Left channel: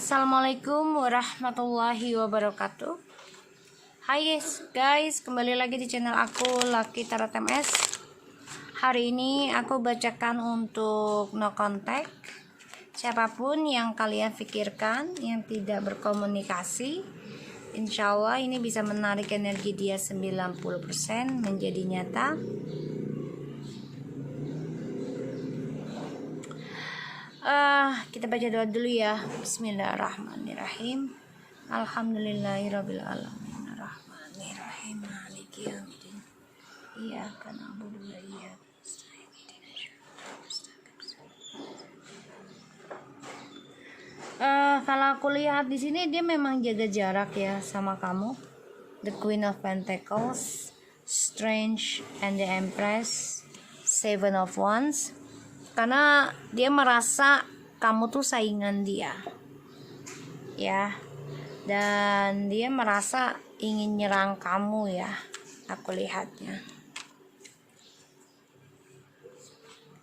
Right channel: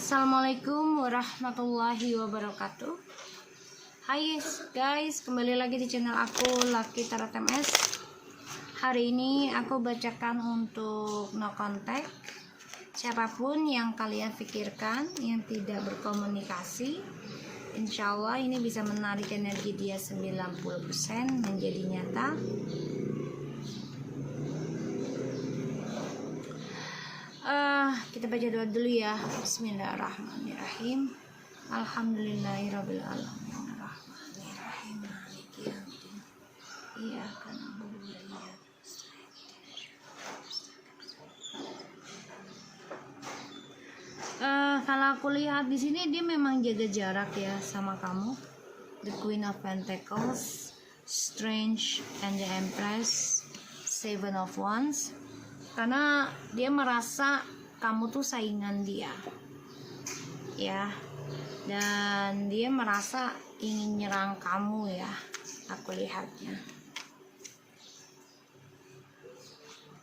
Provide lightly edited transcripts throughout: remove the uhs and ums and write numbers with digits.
Assalamualaikum warahmatullahi wabarakatuh. Hai guys, kembali lagi di channel aku Lucky Tarot MS. Hari ini aku bacakan untuk no contact. Siapapun yang kalian pikirkan yang tidak berkomunikasi, insya Allah ini bisa menarik energi dia 90% menjadi nyata. Kita baca doa dulu ya. Bismillahirrahmanirrahim. Alhamdulillahirabbil alamin. Arrahmanirrahim. Maliki yaumiddin. Iyyaka na'budu wa iyyaka nasta'in. Kalau aku lihat di sini dia memang jaga jarak ya sama kamu. The Queen of Pentacles, Strange and the Empress, Seven of Wands. Karena dia merasa kamu tuh saingan dia, ya, dan dia merasa ingin nyerang kamu ya, aku lihatnya.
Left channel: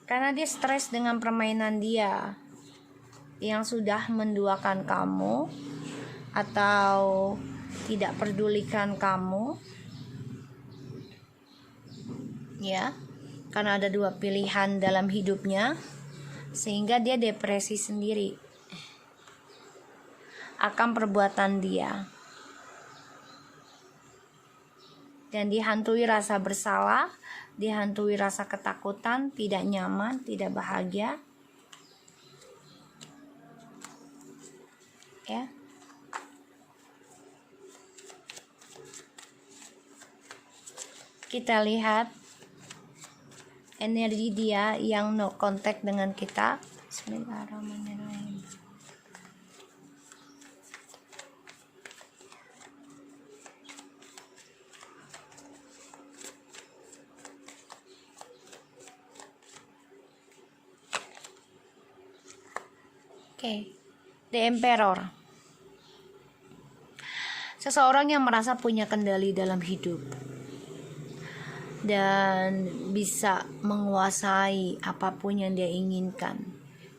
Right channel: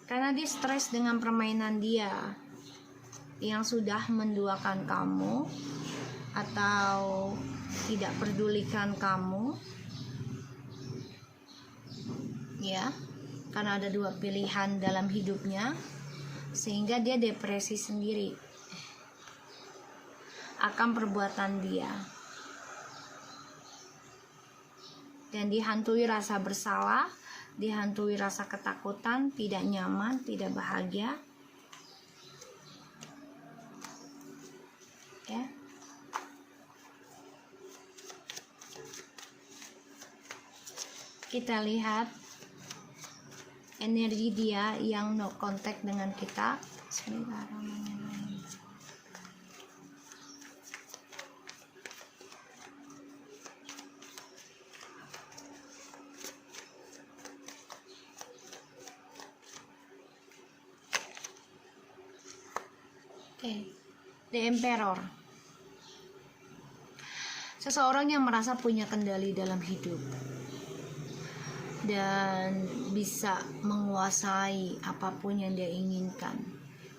Karena dia stres dengan permainan dia yang sudah menduakan kamu atau tidak pedulikan kamu, ya. Karena ada dua pilihan dalam hidupnya, sehingga dia depresi sendiri akan perbuatan dia, dan dihantui rasa bersalah, dihantui rasa ketakutan, tidak nyaman, tidak bahagia, ya. Kita lihat energi dia yang no contact dengan kita. Bismillahirrahmanirrahim. The Emperor. Seseorang yang merasa punya kendali dalam hidup dan bisa menguasai apapun yang dia inginkan.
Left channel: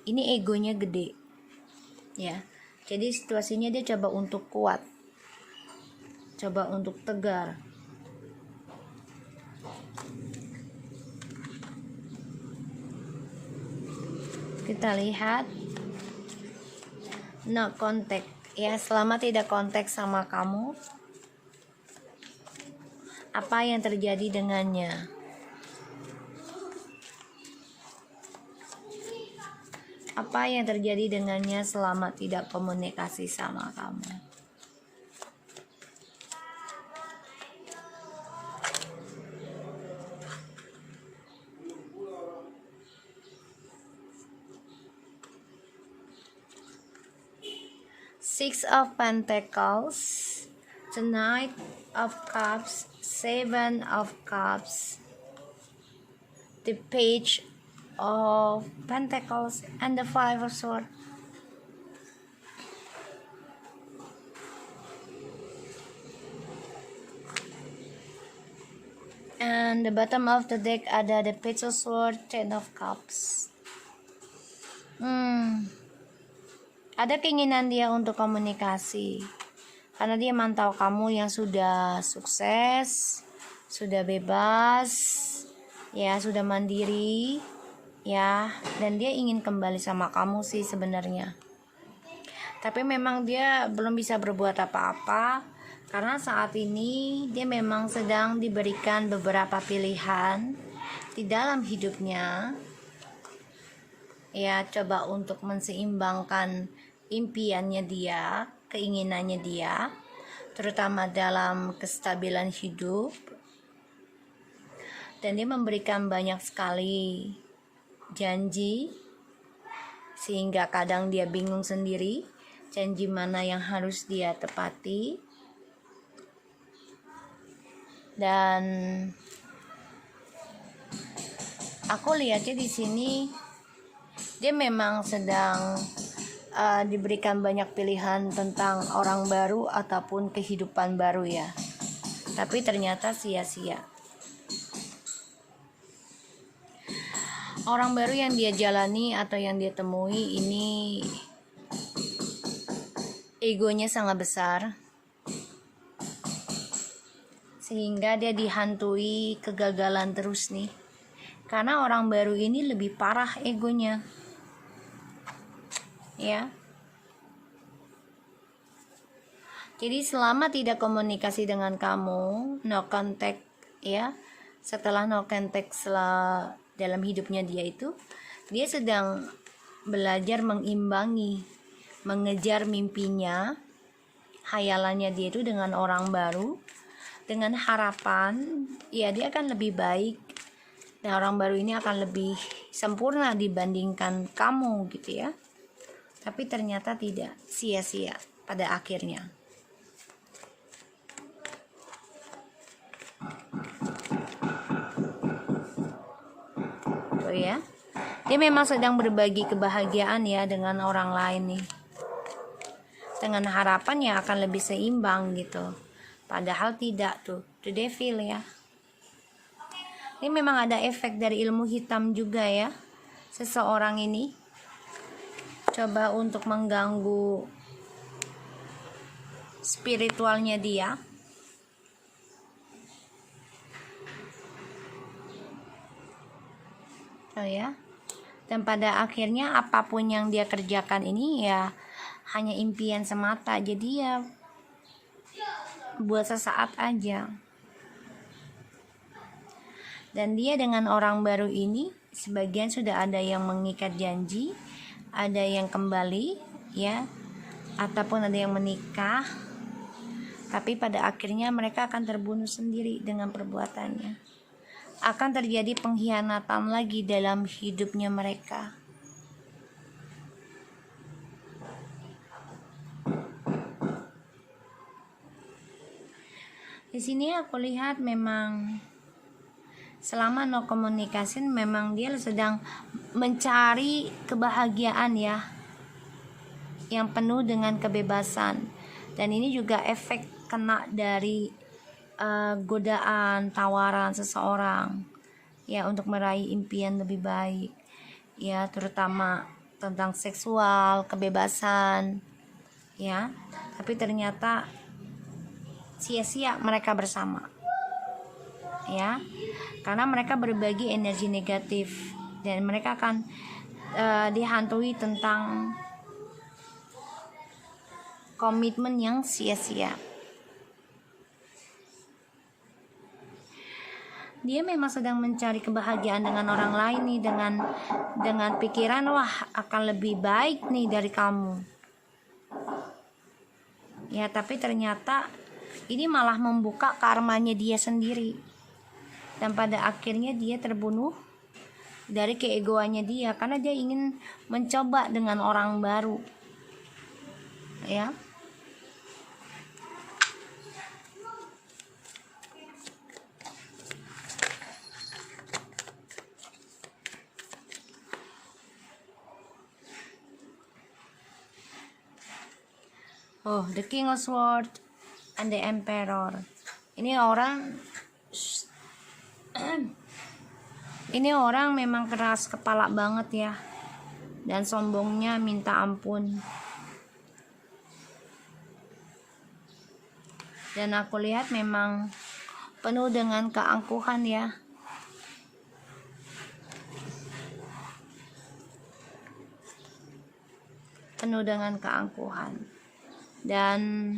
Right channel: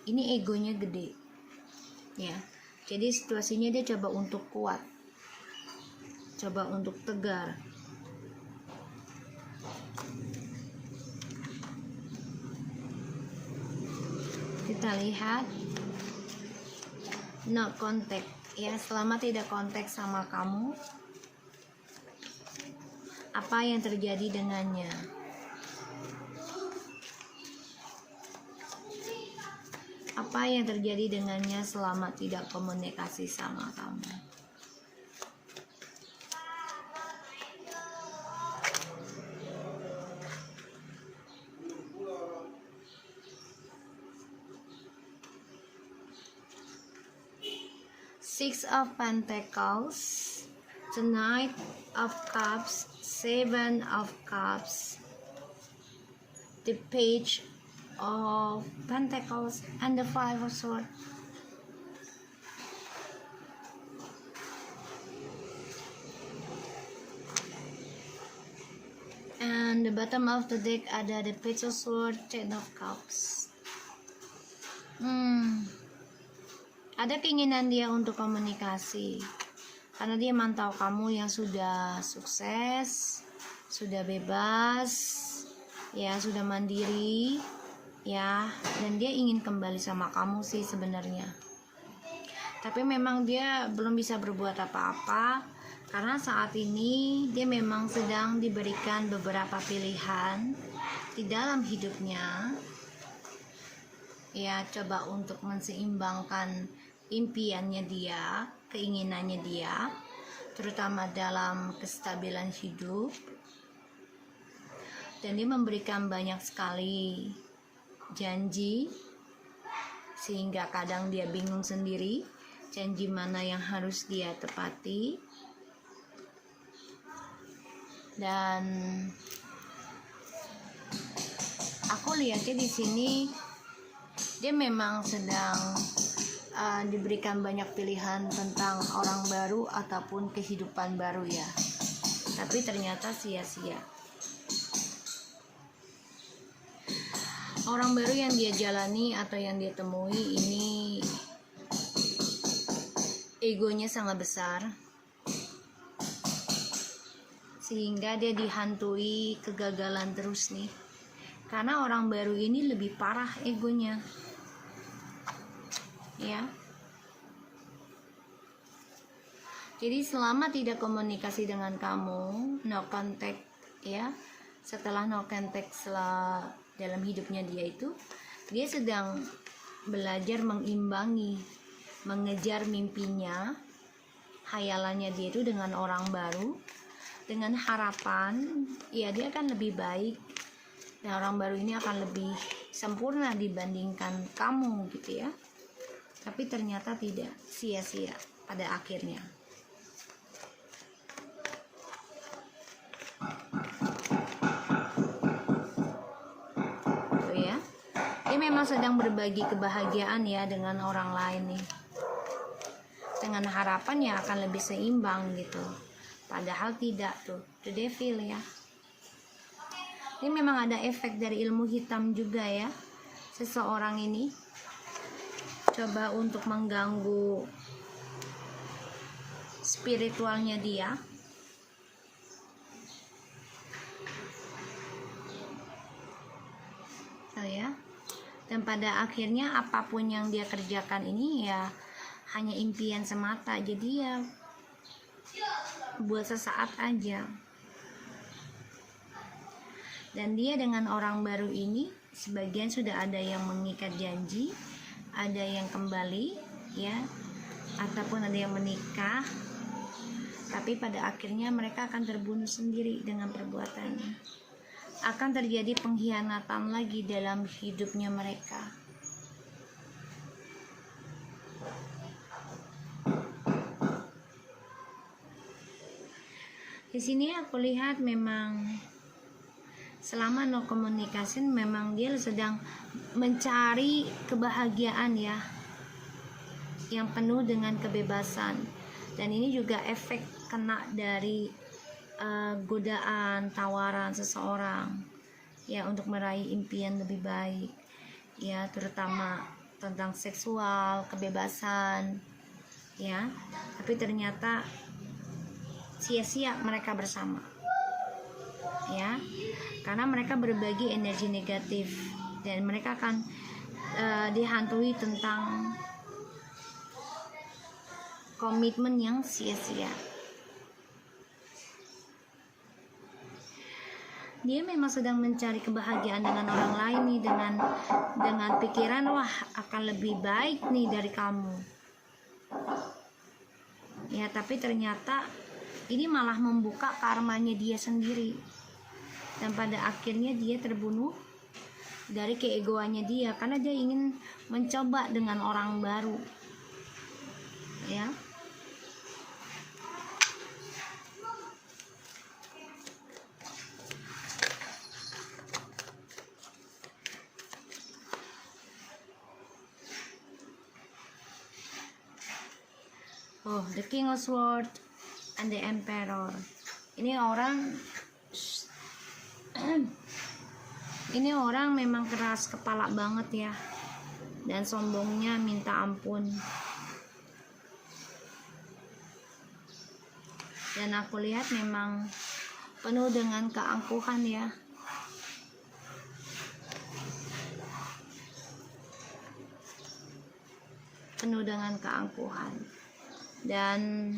Ini egonya gede, ya. Jadi situasinya dia coba untuk kuat, coba untuk tegar. Kita lihat no contact, ya. Selama tidak kontak sama kamu, apa yang terjadi dengannya? Apa yang terjadi dengannya selama tidak komunikasi sama kamu? Six of Pentacles, the Knight of Cups, Seven of Cups, the Page of Pentacles, and the Five of Swords. And the bottom of the deck ada the Page of Swords, Ten of Cups. Ada keinginan dia untuk komunikasi, karena dia mantau kamu yang sudah sukses, sudah bebas, ya, sudah mandiri, ya, dan dia ingin kembali sama kamu sih sebenarnya. Tapi memang dia belum bisa berbuat apa-apa, karena saat ini dia memang sedang diberikan beberapa pilihan di dalam hidupnya, ya, coba untuk menseimbangkan impiannya dia, keinginannya dia, terutama dalam kestabilan hidup. Dan dia memberikan banyak sekali janji, sehingga kadang dia bingung sendiri janji mana yang harus dia tepati. Dan aku lihatnya di sini dia memang sedang diberikan banyak pilihan tentang orang baru ataupun kehidupan baru ya, tapi ternyata sia-sia. Orang baru yang dia jalani atau yang dia temui ini egonya sangat besar, sehingga dia dihantui kegagalan terus nih. Karena orang baru ini lebih parah egonya, ya. Jadi selama tidak komunikasi dengan kamu, no contact, ya. Setelah no contact dalam hidupnya dia sedang belajar mengimbangi, mengejar mimpinya, hayalannya dia itu dengan orang baru, dengan harapan ya dia akan lebih baik dan orang baru ini akan lebih sempurna dibandingkan kamu gitu ya. Tapi ternyata tidak, sia-sia pada akhirnya. Oh ya, dia memang sedang berbagi kebahagiaan ya dengan orang lain nih, dengan harapan yang akan lebih seimbang gitu. Padahal tidak tuh, the devil ya. Ini memang ada efek dari ilmu hitam juga ya. Seseorang ini coba untuk mengganggu spiritualnya dia. Oh ya. Dan pada akhirnya apapun yang dia kerjakan ini ya hanya impian semata. Jadi ya buat sesaat aja. Dan dia dengan orang baru ini sebagian sudah ada yang mengikat janji, ada yang kembali ya, ataupun ada yang menikah. Tapi pada akhirnya mereka akan terbunuh sendiri dengan perbuatannya. Akan terjadi pengkhianatan lagi dalam hidupnya mereka. Di sini aku lihat memang selama no communication memang dia sedang mencari kebahagiaan ya, yang penuh dengan kebebasan. Dan ini juga efek kena dari godaan, tawaran seseorang ya untuk meraih impian lebih baik ya, terutama tentang seksual, kebebasan ya. Tapi ternyata sia-sia mereka bersama ya, karena mereka berbagi energi negatif dan mereka akan dihantui tentang komitmen yang sia-sia. Dia memang sedang mencari kebahagiaan dengan orang lain nih, dengan pikiran wah akan lebih baik nih dari kamu ya. Tapi ternyata ini malah membuka karmanya dia sendiri, dan pada akhirnya dia terbunuh dari keegoannya dia karena dia ingin mencoba dengan orang baru ya. Oh, the King of Swords and the Emperor. Ini orang memang keras kepala banget ya, dan sombongnya minta ampun. Dan aku lihat memang penuh dengan keangkuhan ya. Penuh dengan keangkuhan. Dan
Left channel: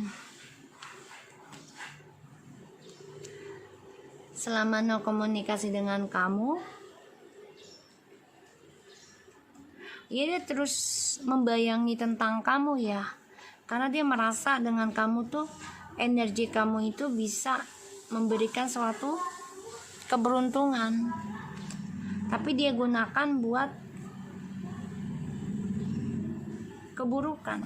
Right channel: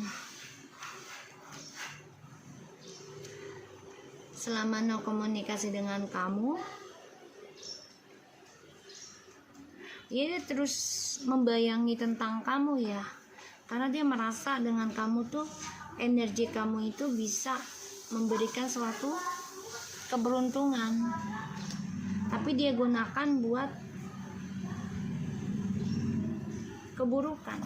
selama no komunikasi dengan kamu, dia terus membayangi tentang kamu ya, karena dia merasa dengan kamu tuh energi kamu itu bisa memberikan suatu keberuntungan, tapi dia gunakan buat keburukan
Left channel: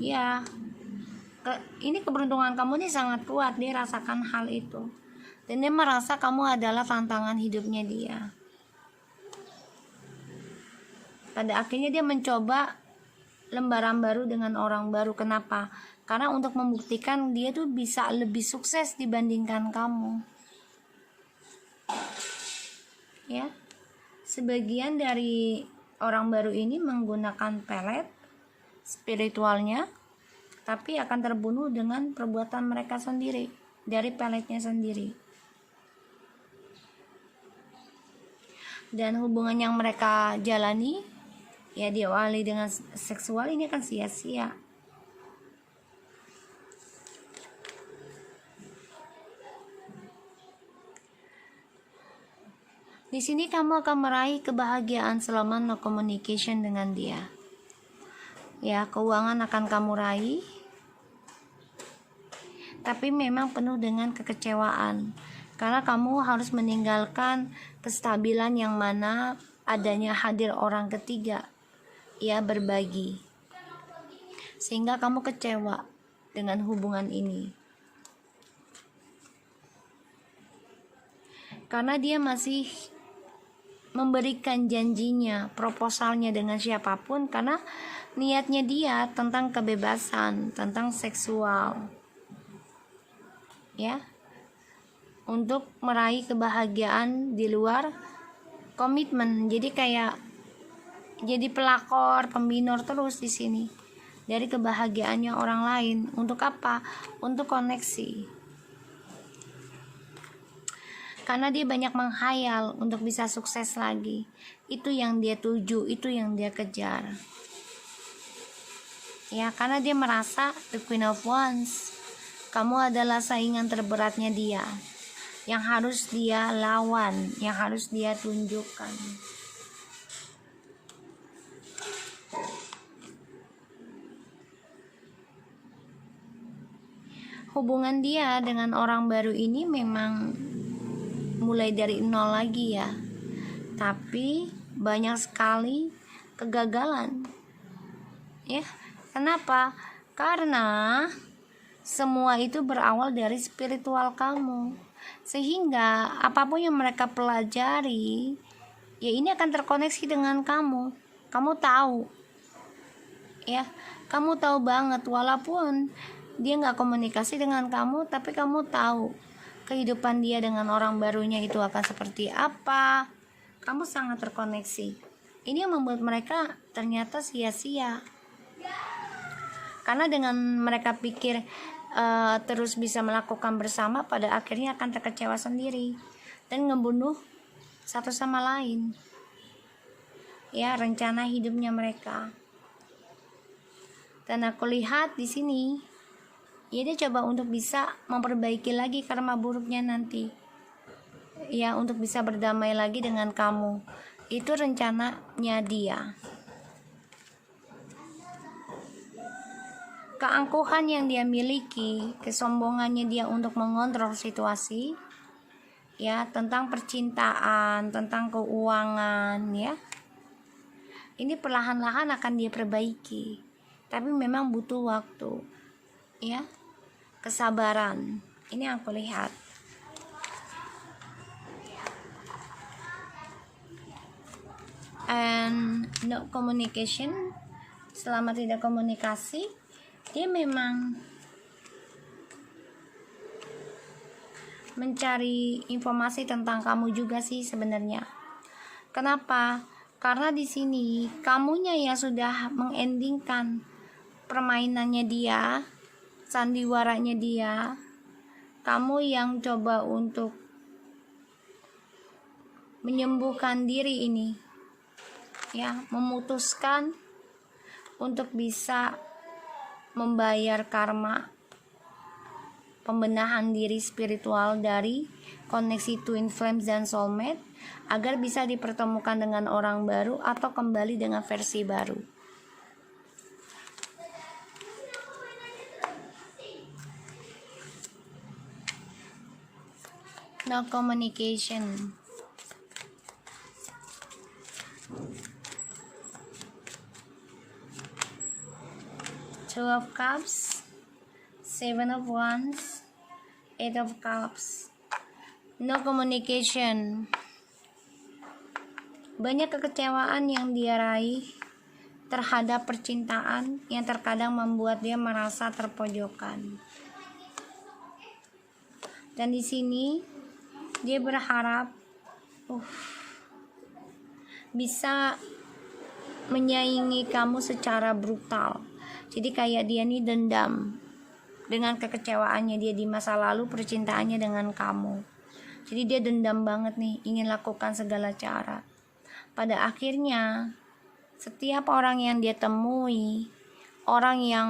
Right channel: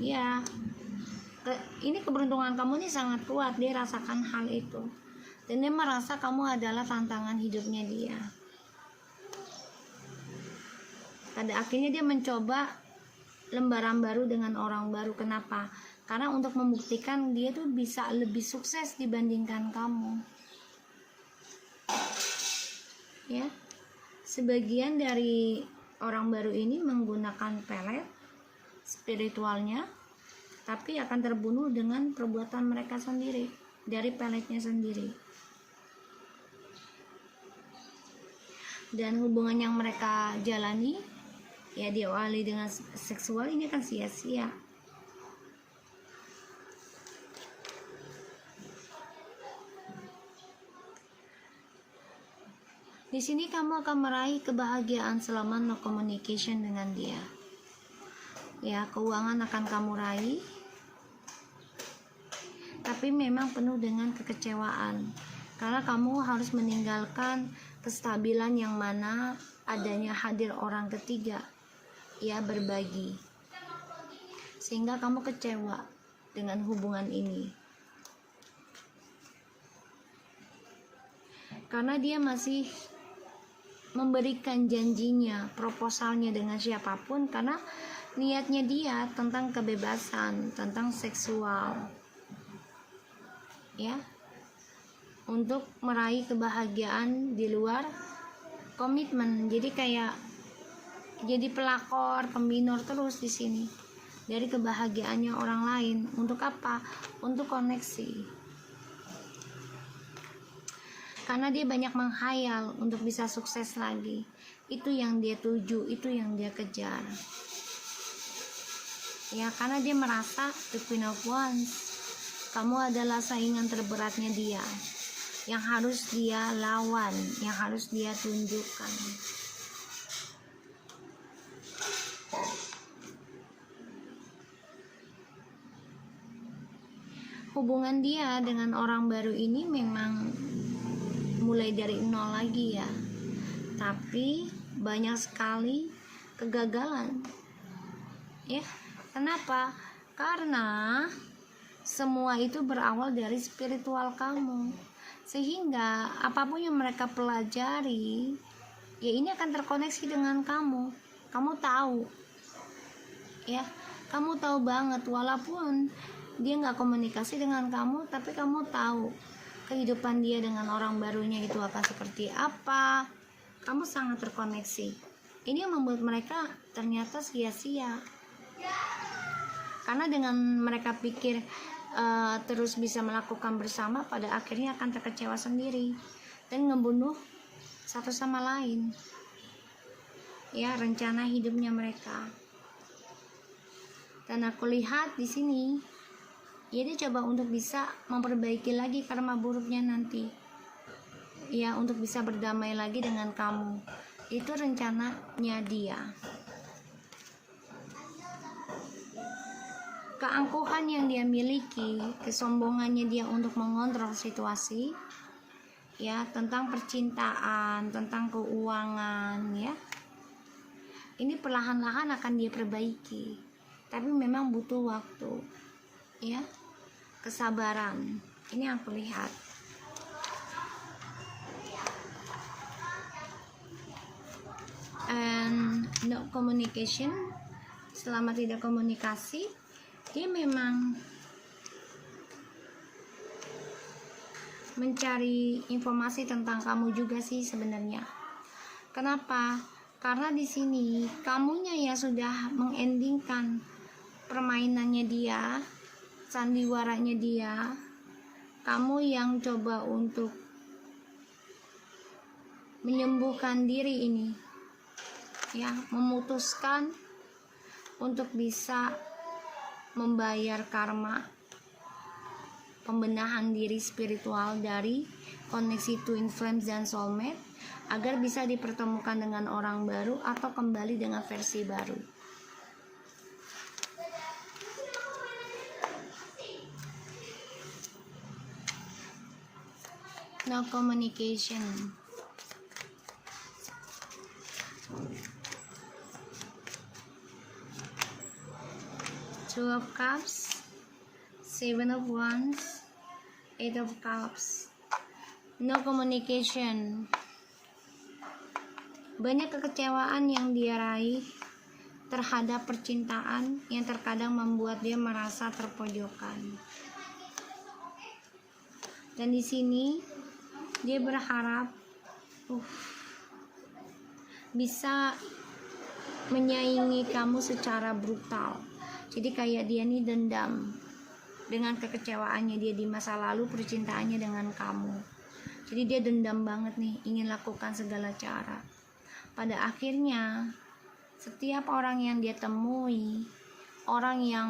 ya. Ini keberuntungan kamu ini sangat kuat, dia rasakan hal itu, dan dia merasa kamu adalah tantangan hidupnya dia. Pada akhirnya dia mencoba lembaran baru dengan orang baru. Kenapa? Karena untuk membuktikan dia tuh bisa lebih sukses dibandingkan kamu ya. Sebagian dari orang baru ini menggunakan pelet spiritualnya, tapi akan terbunuh dengan perbuatan mereka sendiri, dari peletnya sendiri. Dan hubungan yang mereka jalani ya diawali dengan seksual ini akan sia-sia. Di sini kamu akan meraih kebahagiaan selama no communication dengan dia. Ya, keuangan akan kamu raih, tapi memang penuh dengan kekecewaan. Karena kamu harus meninggalkan kestabilan yang mana adanya hadir orang ketiga. Ya, berbagi. Sehingga kamu kecewa dengan hubungan ini. Karena dia masih memberikan janjinya, proposalnya dengan siapapun, karena niatnya dia tentang kebebasan, tentang seksual, ya, untuk meraih kebahagiaan di luar komitmen. Jadi kayak jadi pelakor, pembinor terus di sini dari kebahagiaannya orang lain. Untuk apa? Untuk koneksi. Karena dia banyak menghayal untuk bisa sukses lagi. Itu yang dia tuju, itu yang dia kejar. Ya, karena dia merasa the Queen of Wands, kamu adalah saingan terberatnya dia, yang harus dia lawan, yang harus dia tunjukkan. Hubungan dia dengan orang baru ini memang mulai dari nol lagi ya, tapi banyak sekali kegagalan ya. Kenapa? Karena semua itu berawal dari spiritual kamu, sehingga apapun yang mereka pelajari ya ini akan terkoneksi dengan kamu. Kamu tahu ya, kamu tahu banget, walaupun dia nggak komunikasi dengan kamu, tapi kamu tahu kehidupan dia dengan orang barunya itu akan seperti apa. Kamu sangat terkoneksi. Ini yang membuat mereka ternyata sia-sia. Karena dengan mereka pikir terus bisa melakukan bersama, pada akhirnya akan terkecewa sendiri dan ngebunuh satu sama lain. Ya, rencana hidupnya mereka. Dan aku lihat di sini ya dia coba untuk bisa memperbaiki lagi karma buruknya nanti. Ya, untuk bisa berdamai lagi dengan kamu. Itu rencananya dia. Keangkuhan yang dia miliki, kesombongannya dia untuk mengontrol situasi, ya, tentang percintaan, tentang keuangan, ya. Ini perlahan-lahan akan dia perbaiki. Tapi memang butuh waktu. Ya. Kesabaran, ini yang aku lihat. And no communication, selama tidak komunikasi, dia memang mencari informasi tentang kamu juga sih sebenarnya. Kenapa? Karena di sini kamunya yang sudah mengendingkan permainannya dia, sandiwaranya dia. Kamu yang coba untuk menyembuhkan diri ini, ya, memutuskan untuk bisa membayar karma pembenahan diri spiritual dari koneksi twin flames dan soulmate, agar bisa dipertemukan dengan orang baru atau kembali dengan versi baru. No communication. Two of Cups, Seven of Wands, Eight of Cups. No communication. Banyak kekecewaan yang dia raih terhadap percintaan yang terkadang membuat dia merasa terpojokan. Dan di sini dia berharap bisa menyaingi kamu secara brutal. Jadi kayak dia nih dendam dengan kekecewaannya dia di masa lalu percintaannya dengan kamu. Jadi dia dendam banget nih, ingin lakukan segala cara. Pada akhirnya setiap orang yang dia temui, orang yang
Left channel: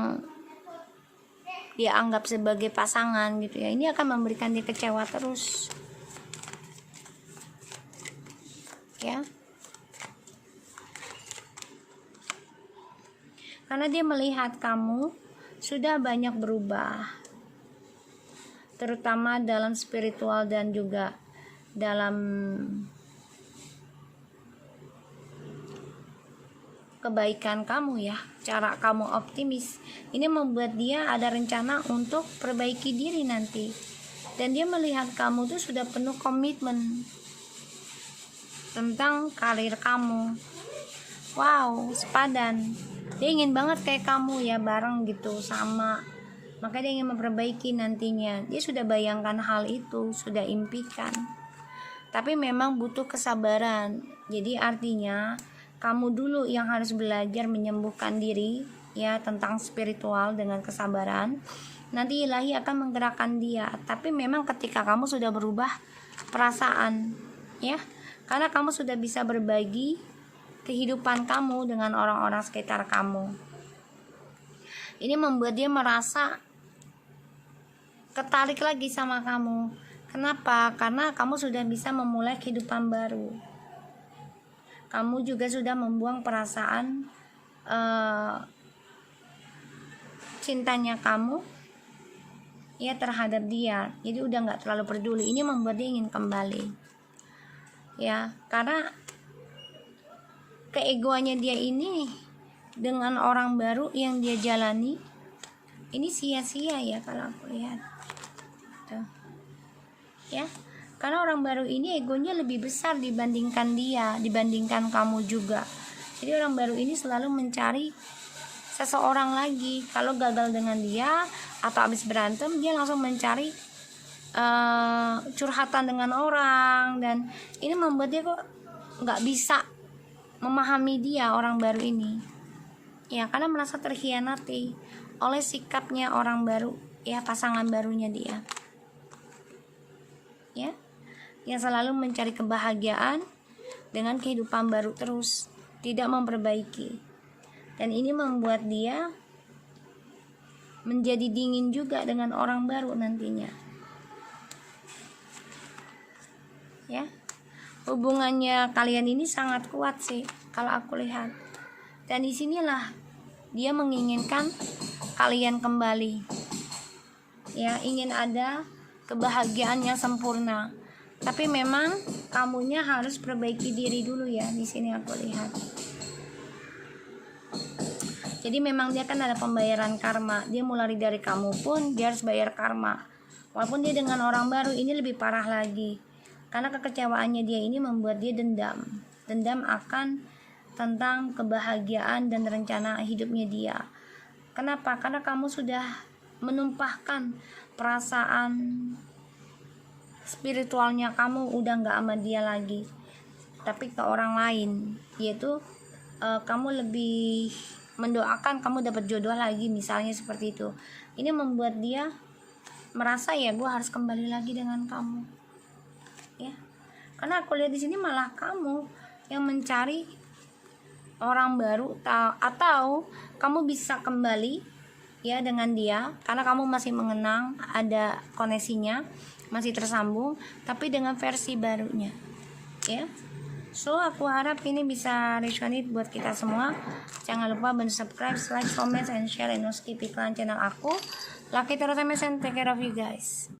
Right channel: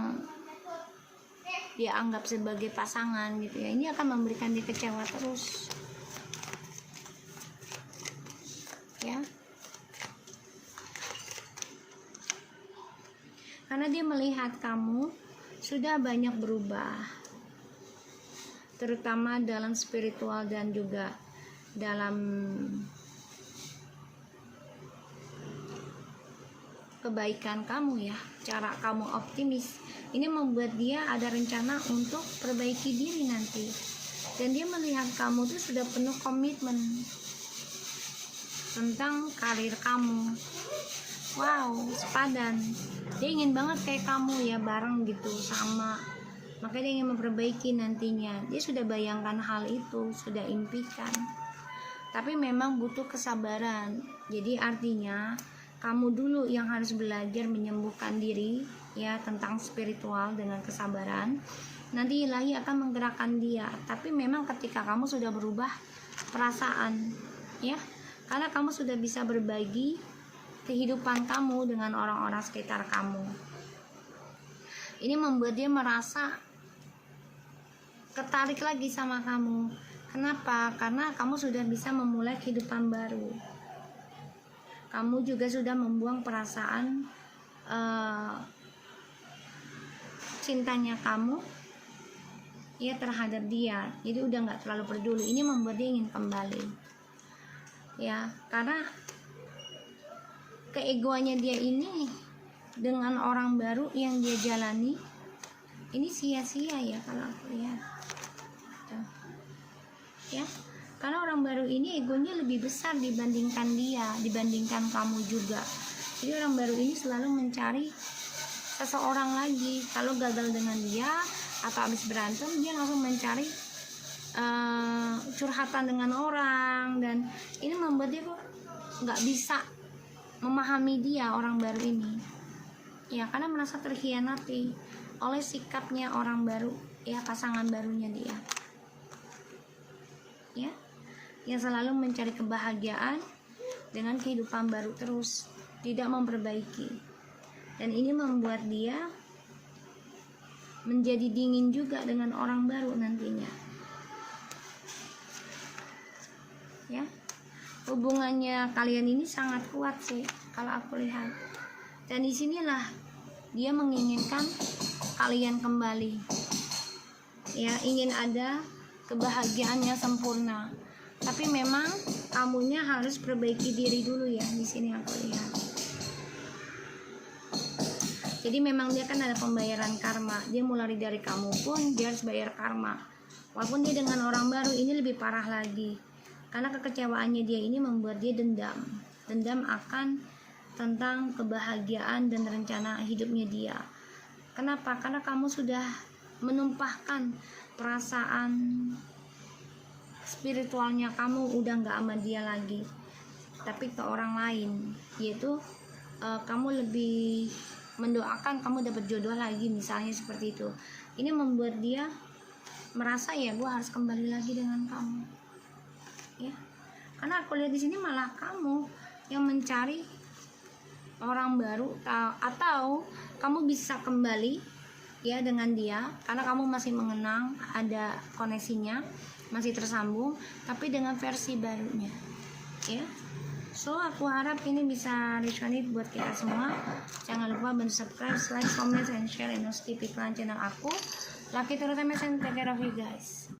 dia anggap sebagai pasangan gitu ya, ini akan memberikan dia kecewa terus ya, karena dia melihat kamu sudah banyak berubah, terutama dalam spiritual dan juga dalam kebaikan kamu ya, cara kamu optimis. Ini membuat dia ada rencana untuk perbaiki diri nanti, dan dia melihat kamu tuh sudah penuh komitmen tentang karir kamu. Wow, sepadan. Dia ingin banget kayak kamu ya, bareng gitu, sama. Makanya dia ingin memperbaiki nantinya. Dia sudah bayangkan hal itu, sudah impikan. Tapi memang butuh kesabaran. Jadi artinya kamu dulu yang harus belajar menyembuhkan diri ya tentang spiritual dengan kesabaran. Nanti ilahi akan menggerakkan dia. Tapi memang ketika kamu sudah berubah perasaan ya, karena kamu sudah bisa berbagi kehidupan kamu dengan orang-orang sekitar kamu. Ini membuat dia merasa ketarik lagi sama kamu. Kenapa? Karena kamu sudah bisa memulai kehidupan baru. Kamu juga sudah membuang perasaan cintanya kamu ya terhadap dia. Jadi udah nggak terlalu peduli. Ini membuat dia ingin kembali ya, karena keegoannya dia ini dengan orang baru yang dia jalani ini sia-sia ya kalau aku lihat tuh ya. Karena orang baru ini egonya lebih besar dibandingkan dia, dibandingkan kamu juga. Jadi orang baru ini selalu mencari seseorang lagi. Kalau gagal dengan dia atau habis berantem, dia langsung mencari curhatan dengan orang. Dan ini membuat dia kok nggak bisa memahami dia, orang baru ini. Ya, karena merasa terkhianati oleh sikapnya orang baru, ya pasangan barunya dia. Ya, yang selalu mencari kebahagiaan dengan kehidupan baru terus, tidak memperbaiki. Dan ini membuat dia menjadi dingin juga dengan orang baru nantinya. Ya, hubungannya kalian ini sangat kuat sih kalau aku lihat. Dan disinilah dia menginginkan kalian kembali. Ya, ingin ada kebahagiaan yang sempurna. Tapi memang kamunya harus perbaiki diri dulu ya, di sini aku lihat. Jadi memang dia kan ada pembayaran karma. Dia mulai dari kamu pun dia harus bayar karma. Walaupun dia dengan orang baru ini lebih parah lagi. Karena kekecewaannya dia ini membuat dia dendam. Dendam akan tentang kebahagiaan dan rencana hidupnya dia. Kenapa? Karena kamu sudah menumpahkan perasaan spiritualnya kamu udah nggak sama dia lagi, tapi ke orang lain, yaitu kamu lebih mendoakan kamu dapat jodoh lagi, misalnya seperti itu. Ini membuat dia merasa ya gue harus kembali lagi dengan kamu ya, karena aku lihat di sini malah kamu yang mencari orang baru, atau kamu bisa kembali ya dengan dia karena kamu masih mengenang, ada koneksinya, masih tersambung, tapi dengan versi barunya ya. So aku harap ini bisa resonate buat kita semua. Jangan lupa bantu subscribe, like, comment, and share, and skip iklan channel aku. Lucky Tarot MSN, take care of you guys.